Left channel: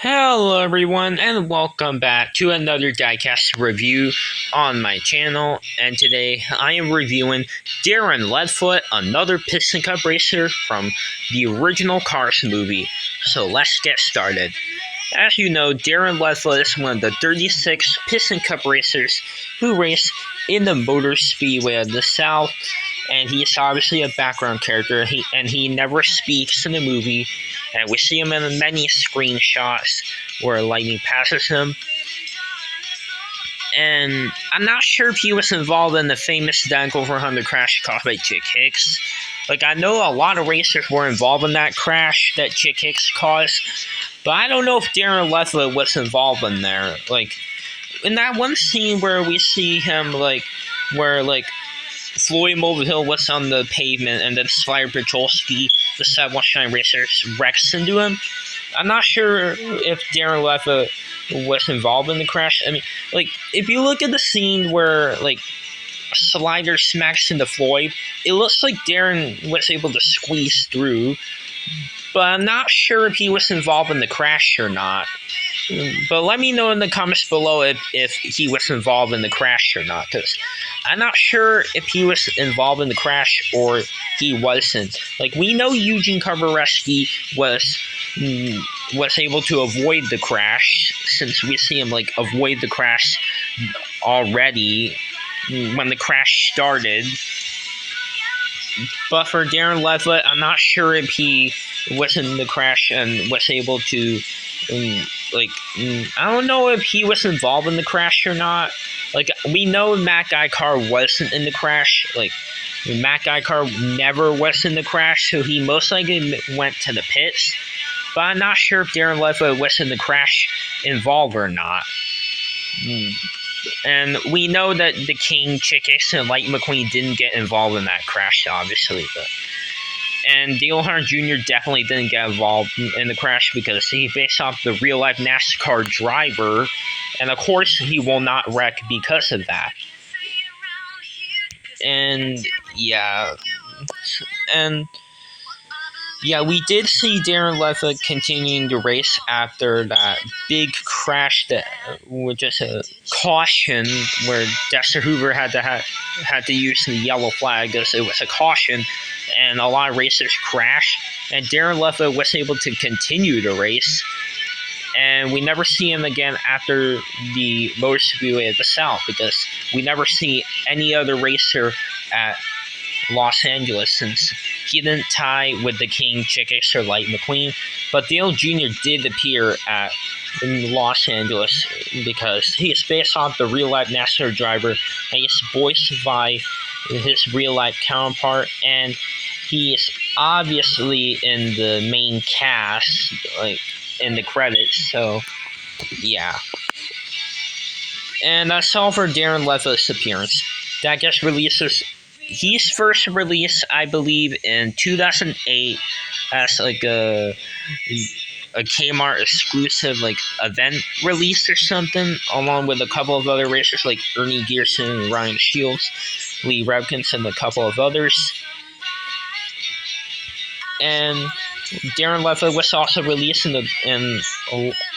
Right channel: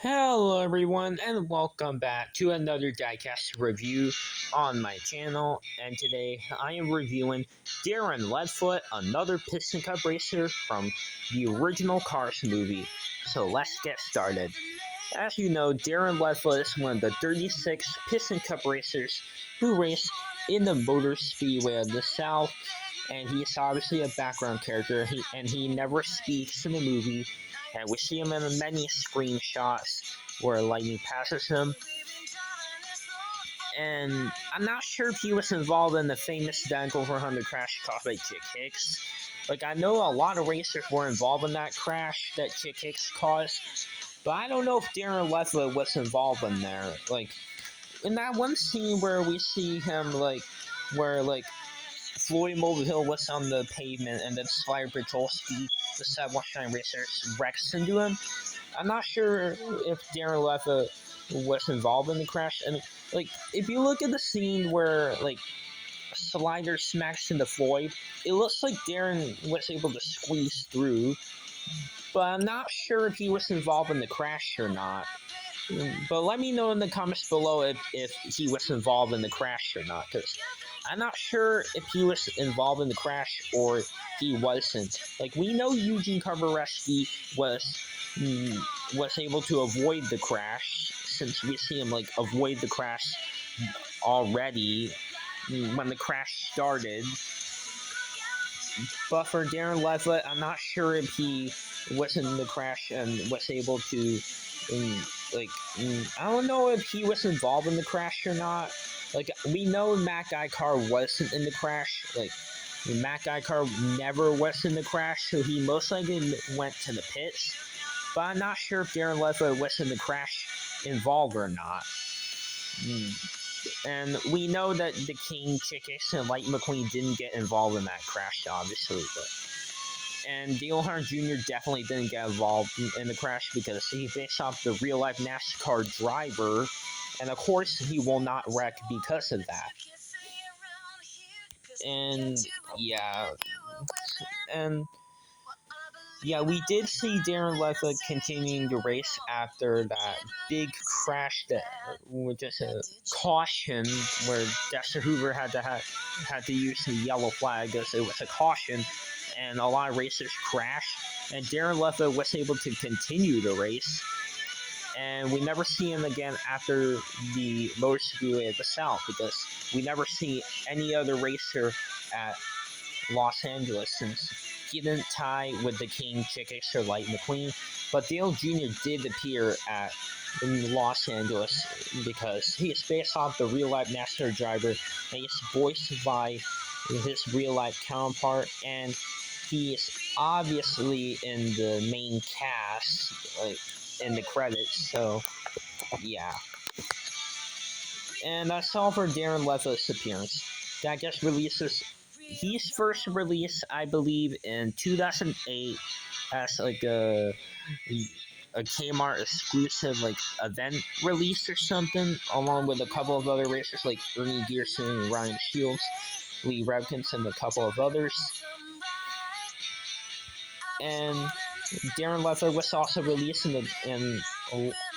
Hello everyone and welcome back to another diecast review on my channel, and today I am reviewing Darren Leadfoot, another Piston Cup racer from the original Cars movie. So let's get started. As you know, Darren Leadfoot is one of the 36 Piston Cup racers who race in the Motor Speedway of the South, and he is obviously a background character, and he never speaks in the movie. And we see him in many screenshots where lightning passes him. And I'm not sure if he was involved in the famous Danica 400 crash caused by Chick Hicks. I know a lot of racers were involved in that crash that Chick Hicks caused, but I don't know if Darren Leadfoot was involved in there. In that one scene where we see him, where Floyd Mulvihill was on the pavement and then Slider Petrolski, the 719 racers, wrecks into him. I'm not sure if Darren Leadfoot was involved in the crash. I mean, if you look at the scene where, Slider smacks into Floyd, it looks like Darren was able to squeeze through, but I'm not sure if he was involved in the crash or not. But let me know in the comments below if he was involved in the crash or not, because I'm not sure if he was involved in the crash or he wasn't. We know Eugene Kowarecki was able to avoid the crash, since we see him avoid the crash already when the crash started. But for Darren Leadfoot, I'm not sure if he was in the crash and was able to I don't know if he was involved in the crash or not. We know Matt Guycar wasn't in the crash. Matt Guycar never was in the crash, so he most likely went to the pits. But I'm not sure if Darren Leadfoot was in the crash involved or not. And we know that the King, Chick Hicks, and Lightning McQueen didn't get involved in that crash, obviously. And Dale Earnhardt Jr. definitely didn't get involved in the crash because he's based off the real-life NASCAR driver, and of course he will not wreck because of that. And yeah, we did see Darren Leadfoot continuing to race after that big crash that was just a caution, where Dexter Hoover had to use the yellow flag because it was a caution, and a lot of racers crashed, and Darren Leadfoot was able to continue to race, and we never see him again after the Motor Speedway of the South, because we never see any other racer at Los Angeles, since he didn't tie with the King, Chick Hicks, or Lightning McQueen. But Dale Jr. did appear at Los Angeles because he is based off the real-life NASCAR driver, and he's voiced by his real-life counterpart, and he is obviously in the main cast, in the credits. So yeah, and that's all for Darren Leadfoot's appearance. That gets releases. He's first released, I believe, in 2008 as a Kmart exclusive event release or something, along with a couple of other racers like Ernie Gearson, Ryan Shields, Lee Revkins, and a couple of others. And Darren Leadfoot was also released in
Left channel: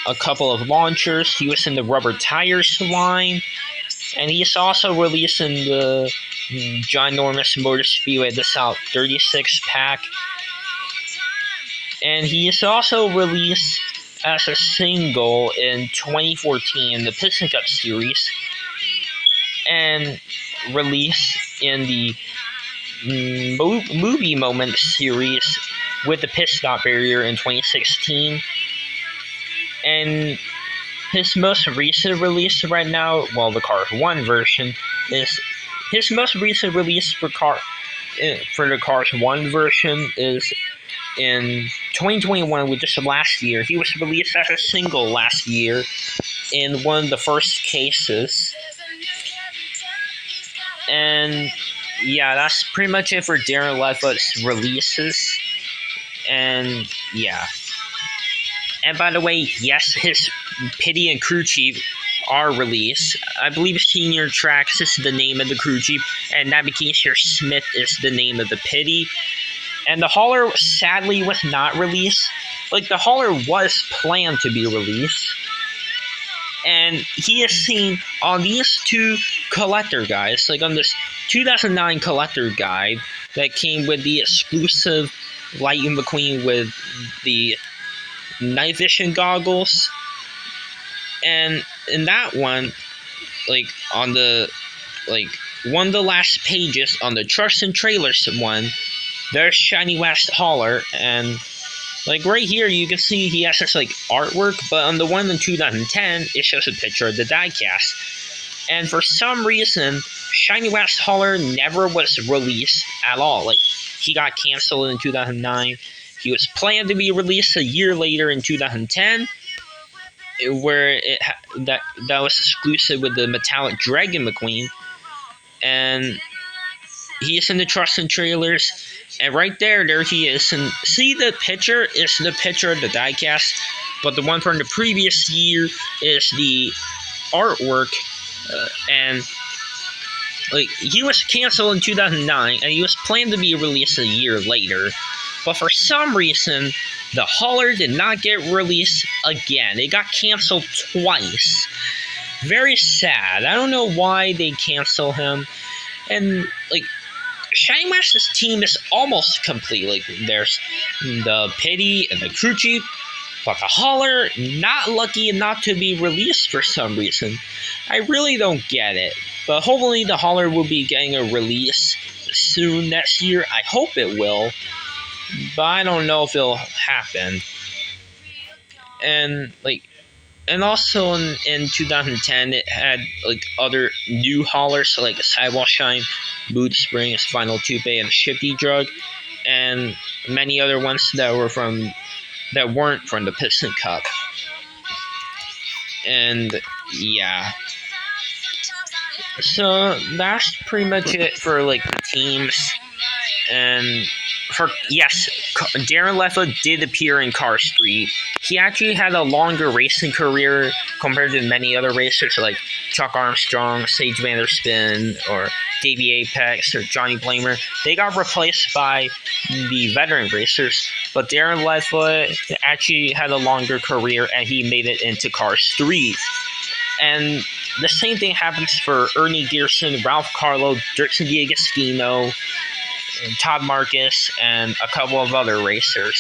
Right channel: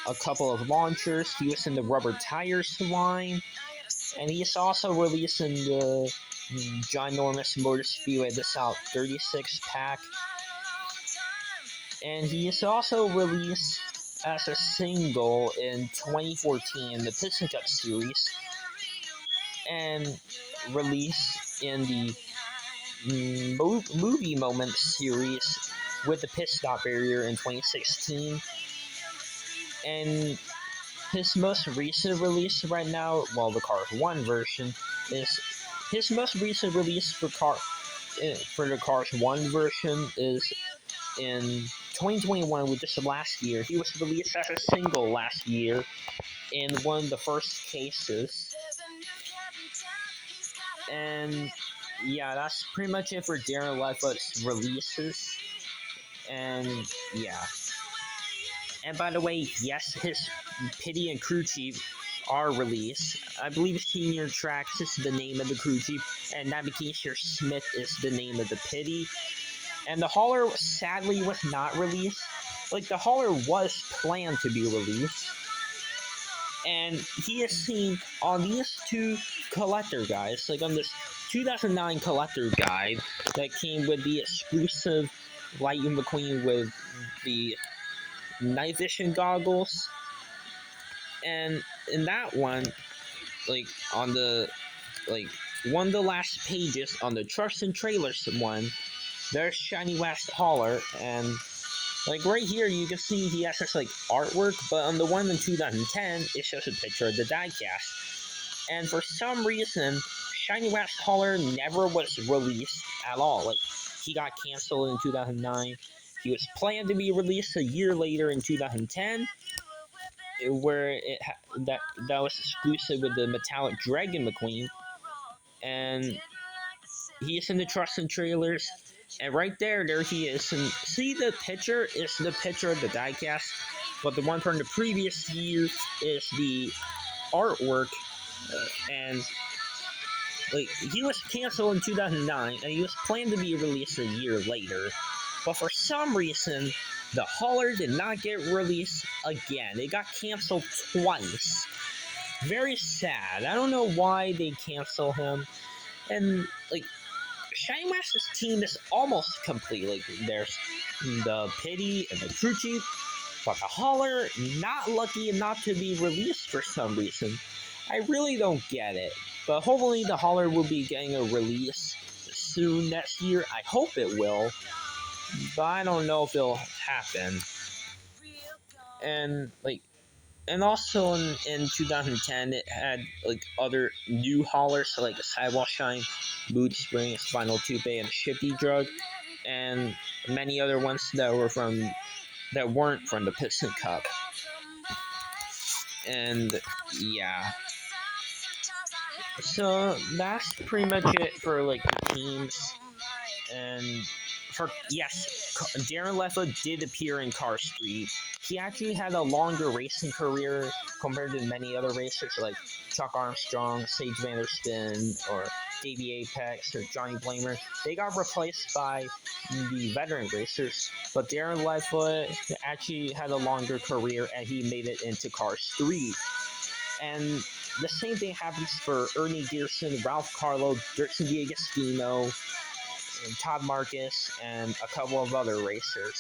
a couple of launchers. He was in the Rubber Tires line, and he's also released in the ginormous Motor Speedway of the South 36 pack. And he is also released as a single in 2014 in the Piston Cup Series, and released in the Movie Moment Series with the Pit Stop Barrier in 2016. And his most recent release right now, well, the Cars 1 version, is his most recent release for the Cars 1 version is in 2021, which is last year. He was released as a single last year in one of the first cases. And yeah, that's pretty much it for Darren Leadfoot's releases. And yeah. And by the way, yes, his pity and crew chief are released. I believe Senior Tracks is the name of the crew chief, and Navigator Smith is the name of the pity. And the hauler sadly was not released, like the hauler was planned to be released, and he is seen on these two collector guides, like on this 2009 collector guide that came with the exclusive Lightning McQueen with the night vision goggles. And in that one, like on the one of the last pages on the trucks and trailers one, there's Shiny Wax Hauler, and like right here you can see he has this like artwork, but on the one in 2010 it shows a picture of the diecast. And for some reason, Shiny Wax Hauler never was released at all. Like, he got canceled in 2009. He was planned to be released a year later in 2010, where that was exclusive with the metallic Dragon McQueen. And he is in the trucks and trailers, and right there he is. And see, the picture is the picture of the diecast, but the one from the previous year is the artwork. And like, he was canceled in 2009, and he was planned to be released a year later, but for some reason the hauler did not get released again. It got canceled twice. Very sad. I don't know why they cancel him. And like, Shiny Wax's team is almost complete. Like, there's the Pity and the Crew Chief, but the hauler not lucky enough to be released for some reason. I really don't get it. But hopefully the hauler will be getting a release soon next year. I hope it will, but I don't know if it'll happen. And like, and also in 2010 it had like other new haulers, so like Sidewall Shine, Mood Springs, Final Tupe, and Shifty Drug, and many other ones that weren't from the Piston Cup. And yeah, so that's pretty much it for like the teams. And for Darren Leadfoot did appear in Car Street. He actually had a longer racing career compared to many other racers like Chuck Armstrong, Sage Vanderspin, or Davey Apex, or Johnny Blamer. They got replaced by the veteran racers, but Darren Leadfoot actually had a longer career, and he made it into Car Street. And the same thing happens for Ernie Gearson, Ralph Carlo, Dirksen D'Agostino, Todd Marcus, and a couple of other racers.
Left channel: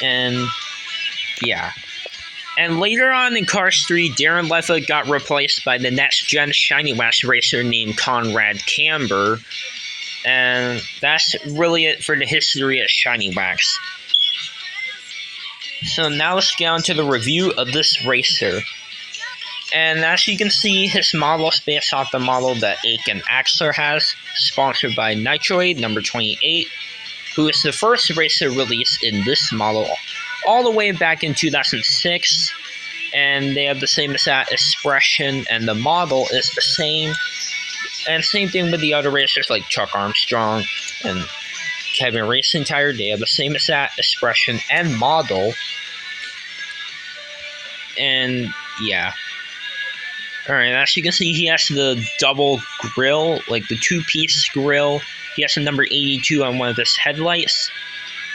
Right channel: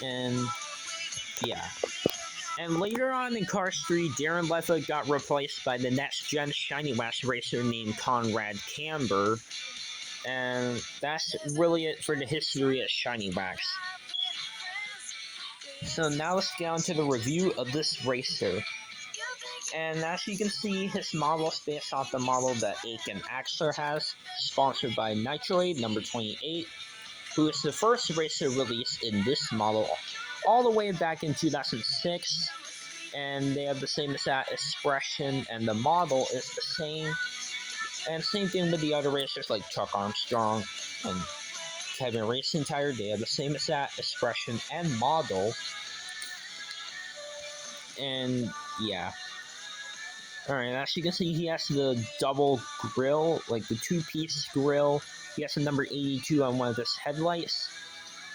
And yeah. And later on in Car Street, Darren Leadfoot got replaced by the next-gen Shiny Wax racer named Conrad Camber. And that's really it for the history of Shiny Wax. So now let's get on to the review of this racer. And as you can see, his model is based off the model that Aiken Axler has, sponsored by Nitroid number 28, who is the first racer released in this model all the way back in 2006. And they have the same exact expression, and the model is the same. And same thing with the other racers like Chuck Armstrong and Kevin Racing Tire. They have the same exact expression and model. And yeah. Alright, as you can see, he has the double grill, like the two-piece grill. He has the number 82 on one of his headlights.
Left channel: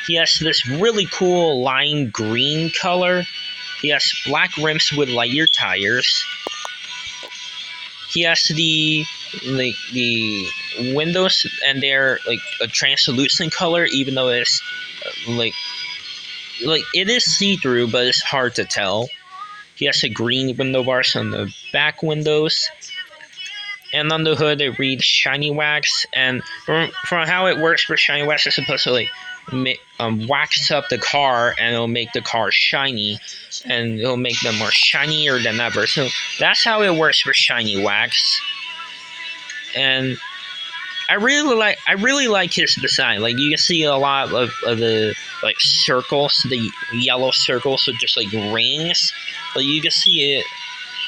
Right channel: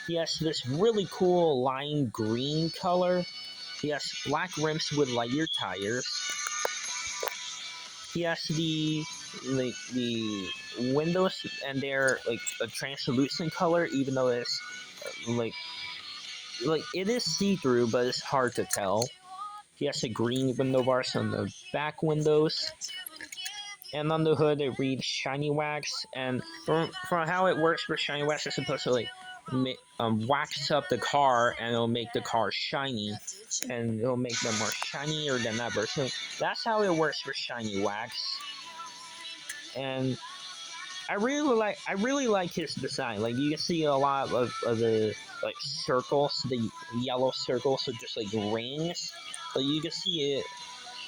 He has this really cool lime green color. He has black rims with Lightyear tires. He has the windows, and they're like a translucent color, even though it's like it is see-through, but it's hard to tell. He has a green window bars on the back windows. And on the hood, it reads Shiny Wax. And from how it works for Shiny Wax, it's supposed to like wax up the car, and it'll make the car shiny. And it'll make them more shinier than ever. So that's how it works for Shiny Wax. And I really like his design. Like, you can see a lot of the like circles, the yellow circles, so just like rings. But you can see it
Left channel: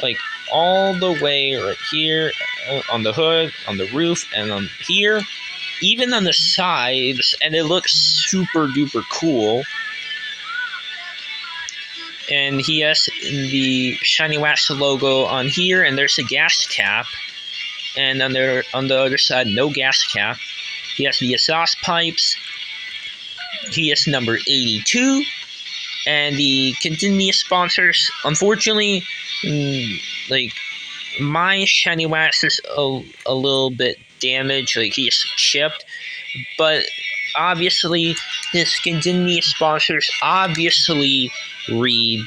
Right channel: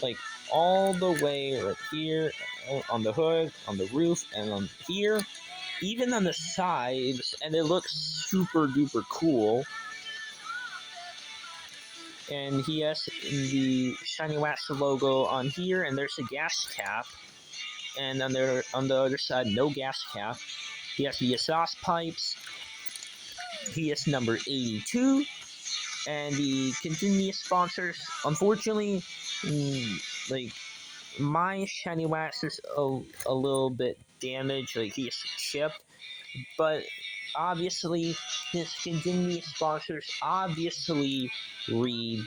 like all the way right here on the hood, on the roof, and on here, even on the sides, and it looks super duper cool. And he has the Shiny Wax logo on here, and there's a gas cap. And on the other side, no gas cap. He has the exhaust pipes. he is number 82. And the continuous sponsors, unfortunately, like my shiny wax is a little bit damaged, like he's chipped, but obviously his continuous sponsors obviously read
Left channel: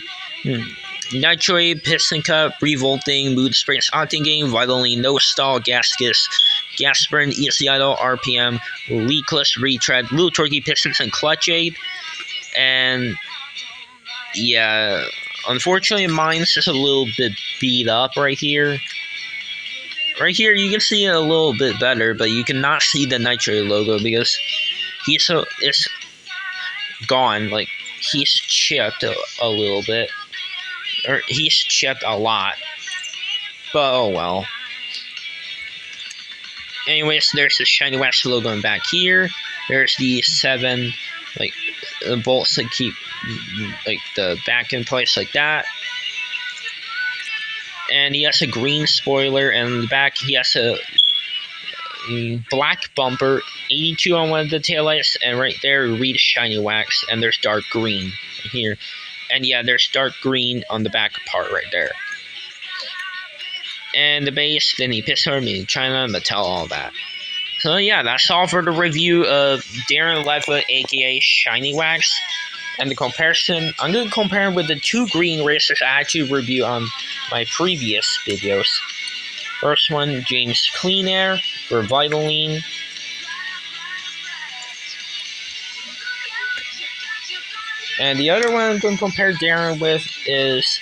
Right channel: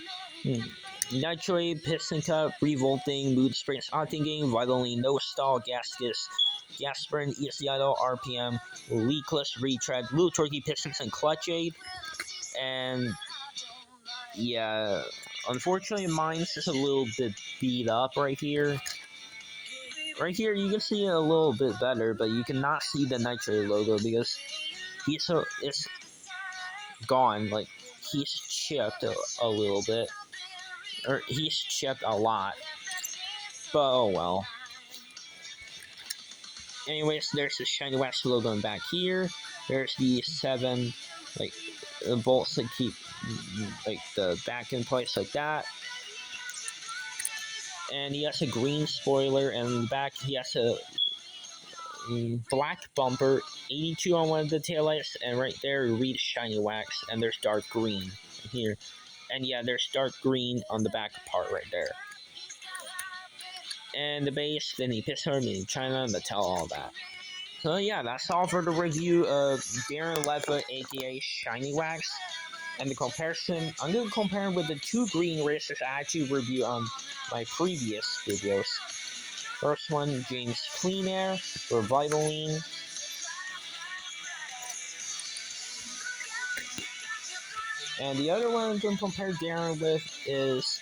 Nitroid, Piston Cup, Revolting, Mood Springs, Octane Vitaline, No Stall, Gaskus, Gas Burn, Easy Idle, RPM, Leakless, Retread, Little Turkey, Pistons, and Clutch Aid. And yeah, unfortunately mine's just a little bit beat up right here. Right here you can see it a little bit better, but you cannot see the Nitro logo because it's gone. Like he's chipped a little bit, or he's chipped a lot. But oh well. Anyways, there's the Shiny Wax logo in back here. There's the 7 bolts that keep the back in place like that. And he has a green spoiler, and in the back he has a black bumper, 82 on one of the taillights, and right there read Shiny Wax, and there's dark green here. And yeah, there's dark green on the back part right there. And the base, then he Pistol, made in China, Mattel, all that. So yeah, that's all for the review of Darren Leadfoot, aka Shiny Wax. And the comparison, I'm going to compare with the 2 green racers I had to review on my previous videos. First one, James Clean Air for Vitaline. And the other one I'm going to compare Darren with is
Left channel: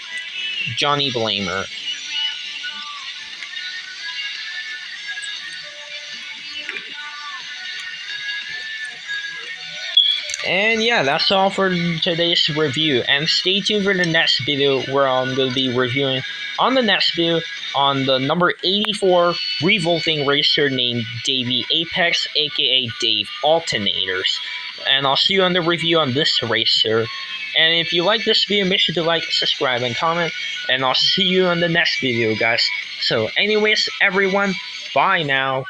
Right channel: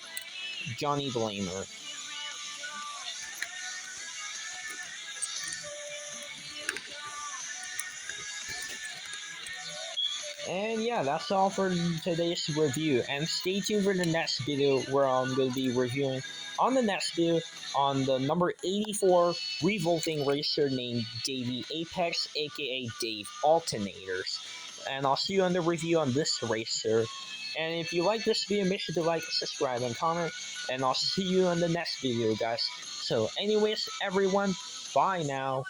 Johnny Blamer. And yeah, that's all for today's review. And stay tuned for the next video where I'm going to be reviewing on the next video on the number 84 revolting racer named Davey Apex, aka Dave Alternators. And I'll see you on the review on this racer. And if you like this video, make sure to like, subscribe, and comment. And I'll see you on the next video, guys. So anyways, everyone, bye now.